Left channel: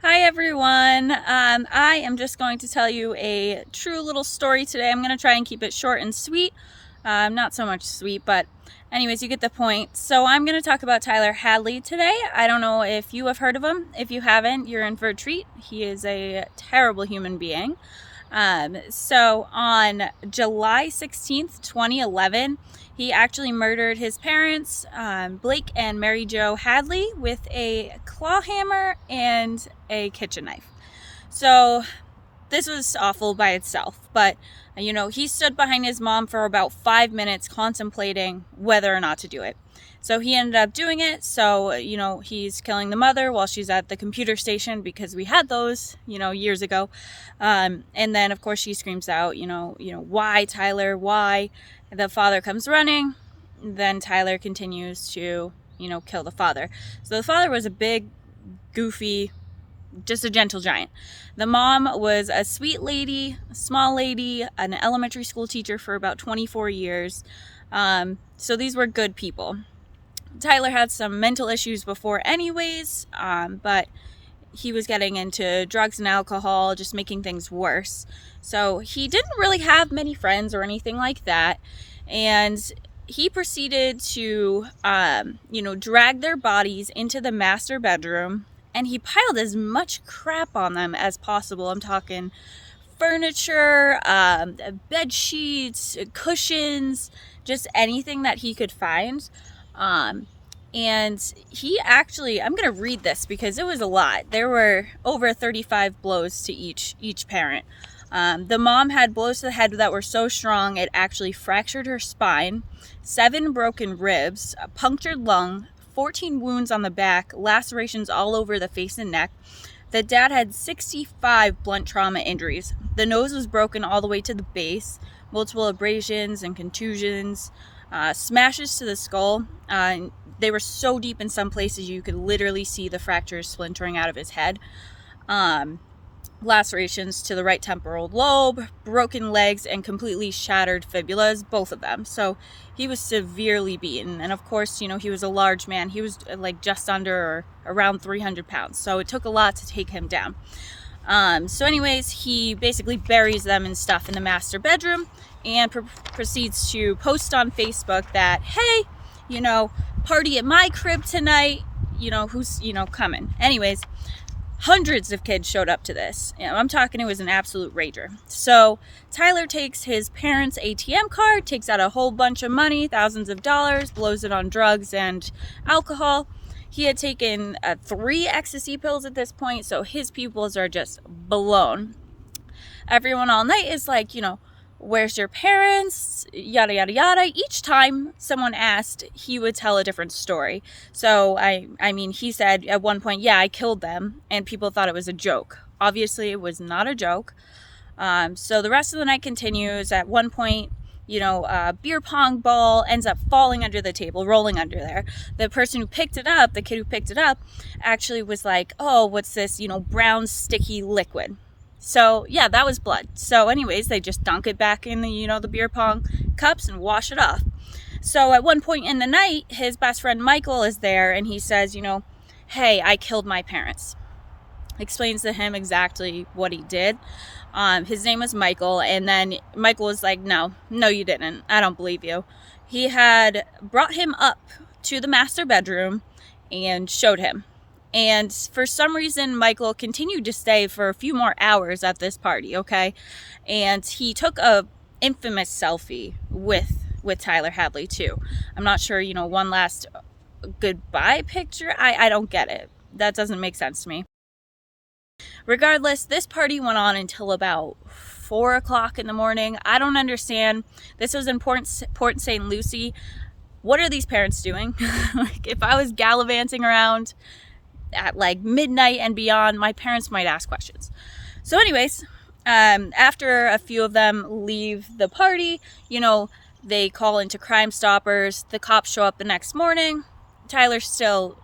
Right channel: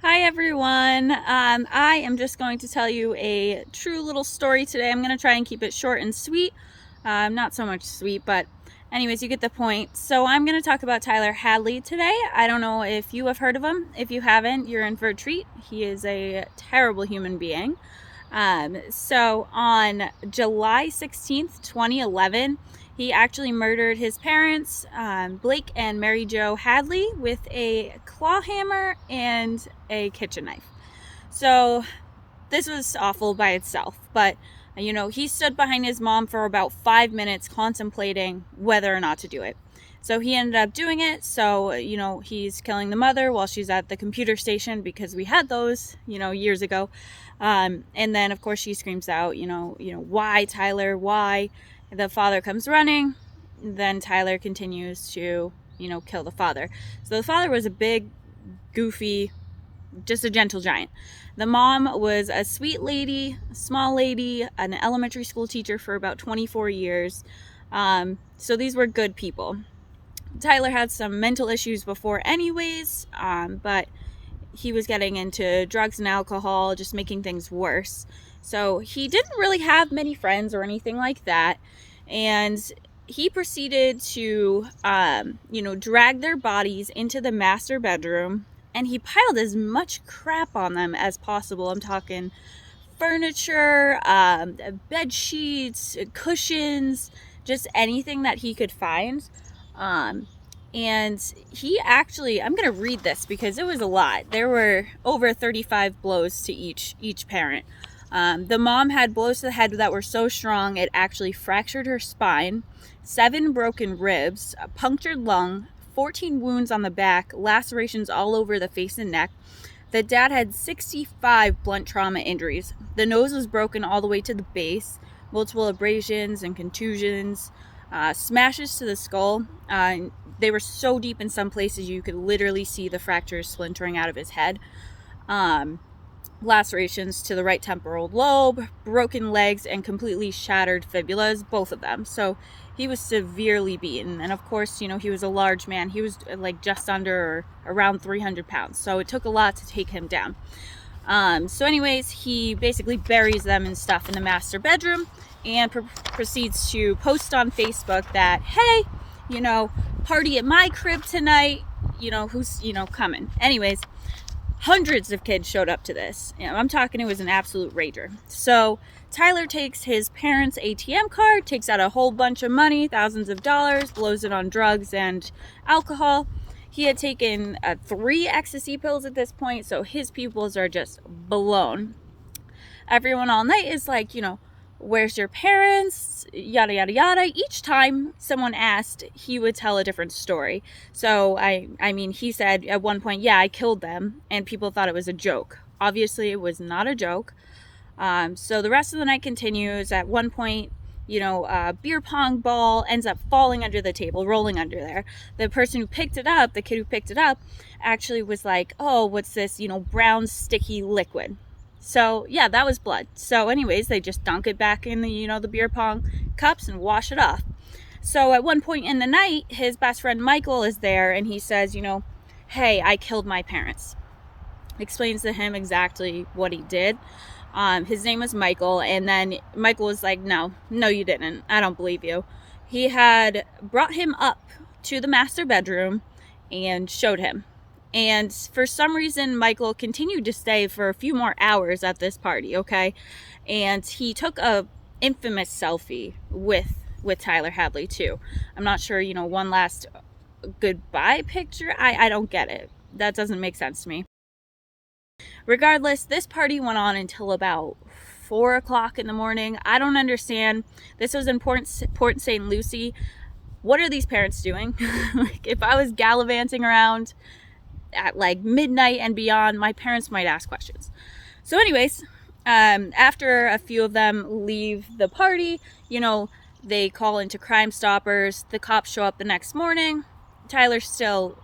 Hi everyone. I am just going to tell you a true little story today. I'm going to try and keep it short and sweet. Not so much sweet, but anyways, you get the point. So I'm going to talk about Tyler Hadley today. I don't know if you have heard of him. If you haven't, you're in for a treat. He is a terrible human being. So on July 16th, 2011, he actually murdered his parents, Blake and Mary Jo Hadley, with a claw hammer and a kitchen knife. So this was awful by itself, but he stood behind his mom for about 5 minutes contemplating whether or not to do it. So he ended up doing it. So, he's killing the mother while she's at the computer station, because we had those, years ago. And then, of course, she screams out, why, Tyler, why? The father comes running. Then Tyler continues to, kill the father. So the father was a big, goofy, just a gentle giant. The mom was a sweet lady, a small lady, an elementary school teacher for about 24 years. So these were good people. Tyler had some mental issues before anyways, but he was getting into drugs and alcohol, just making things worse. So he didn't really have many friends or anything like that. And he proceeded to, drag their bodies into the master bedroom, and he piled as much crap on them as possible. I'm talking furniture, bed sheets, cushions, just anything that he could find. And he actually, I'm going to read this because it was a lot. There were over 35 blows to each parent. The mom had blows to the head that were so strong it actually fractured her spine, 7 broken ribs, a punctured lung, 14 wounds on the back, lacerations all over the face and neck. The dad had 65 blunt trauma injuries. The nose was broken all the way to the base, multiple abrasions and contusions, smashes to the skull. They were so deep in some places you could literally see the fractures splintering out of his head. Lacerations to the right temporal lobe, broken legs, and completely shattered fibulas, both of them. So he was severely beaten. And of course, he was a large man. He was like just under or around 300 pounds. So it took a lot to take him down. So anyways, he basically buries them and stuff in the master bedroom and proceeds to post on Facebook that, hey, party at my crib tonight, who's, coming. Anyways, hundreds of kids showed up to this. I'm talking, it was an absolute rager. So Tyler takes his parents' ATM card, takes out a whole bunch of money, thousands of dollars, blows it on drugs and alcohol. He had taken 3 ecstasy pills at this point, so his pupils are just blown. Everyone all night is like, where's your parents? Yada, yada, yada. Each time someone asked, he would tell a different story. So, he said at one point, yeah, I killed them, and people thought it was a joke. Obviously, it was not a joke. So the rest of the night continues. At one point, a beer pong ball ends up falling under the table, rolling under there. The person who picked it up, the kid who picked it up, actually was like, oh, what's this, brown sticky liquid? So yeah, that was blood. So anyways, they just dunk it back in the beer pong cups and wash it off. So at one point in the night, his best friend Michael is there, and he says, hey, I killed my parents. Explains to him exactly what he did. His name was Michael, and then Michael was like, no, you didn't. I don't believe you. He had brought him up to the master bedroom and showed him. And for some reason, Michael continued to stay for a few more hours at this party, okay? And he took a infamous selfie with Tyler Hadley, too. I'm not sure, one last goodbye picture. I don't get it. That doesn't make sense to me. Regardless, this party went on until about 4 o'clock in the morning. I don't understand. This was in Port St. Lucie. What are these parents doing? Like, if I was gallivanting around at like midnight and beyond, my parents might ask questions. So anyways, after a few of them leave the party, they call into Crime Stoppers. The cops show up the next morning. Tyler's still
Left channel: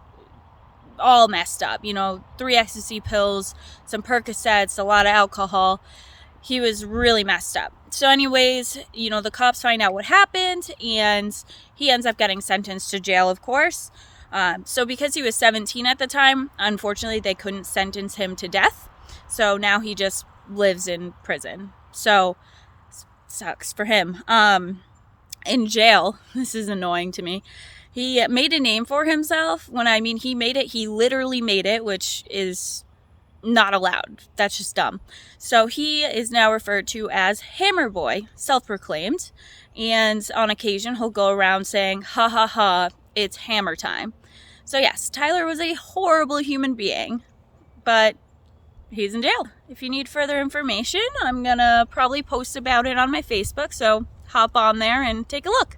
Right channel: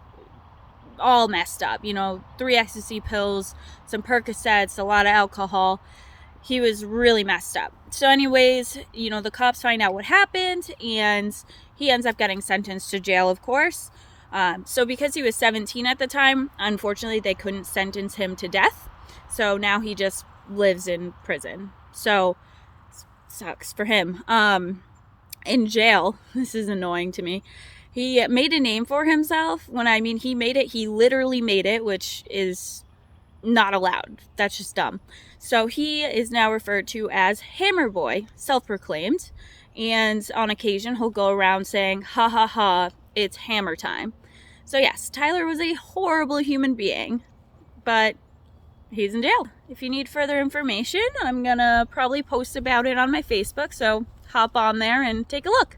all messed up, 3 ecstasy pills, some Percocets, a lot of alcohol. He was really messed up. So anyways, the cops find out what happened, and he ends up getting sentenced to jail, of course. So because he was 17 at the time, unfortunately they couldn't sentence him to death. So now he just lives in prison. So sucks for him. In jail, this is annoying to me. He made a name for himself. When I mean he made it, he literally made it, which is not allowed. That's just dumb. So he is now referred to as Hammer Boy, self-proclaimed. And on occasion, he'll go around saying, ha ha ha, it's hammer time. So yes, Tyler was a horrible human being, but he's in jail. If you need further information, I'm gonna probably post about it on my Facebook, so hop on there and take a look.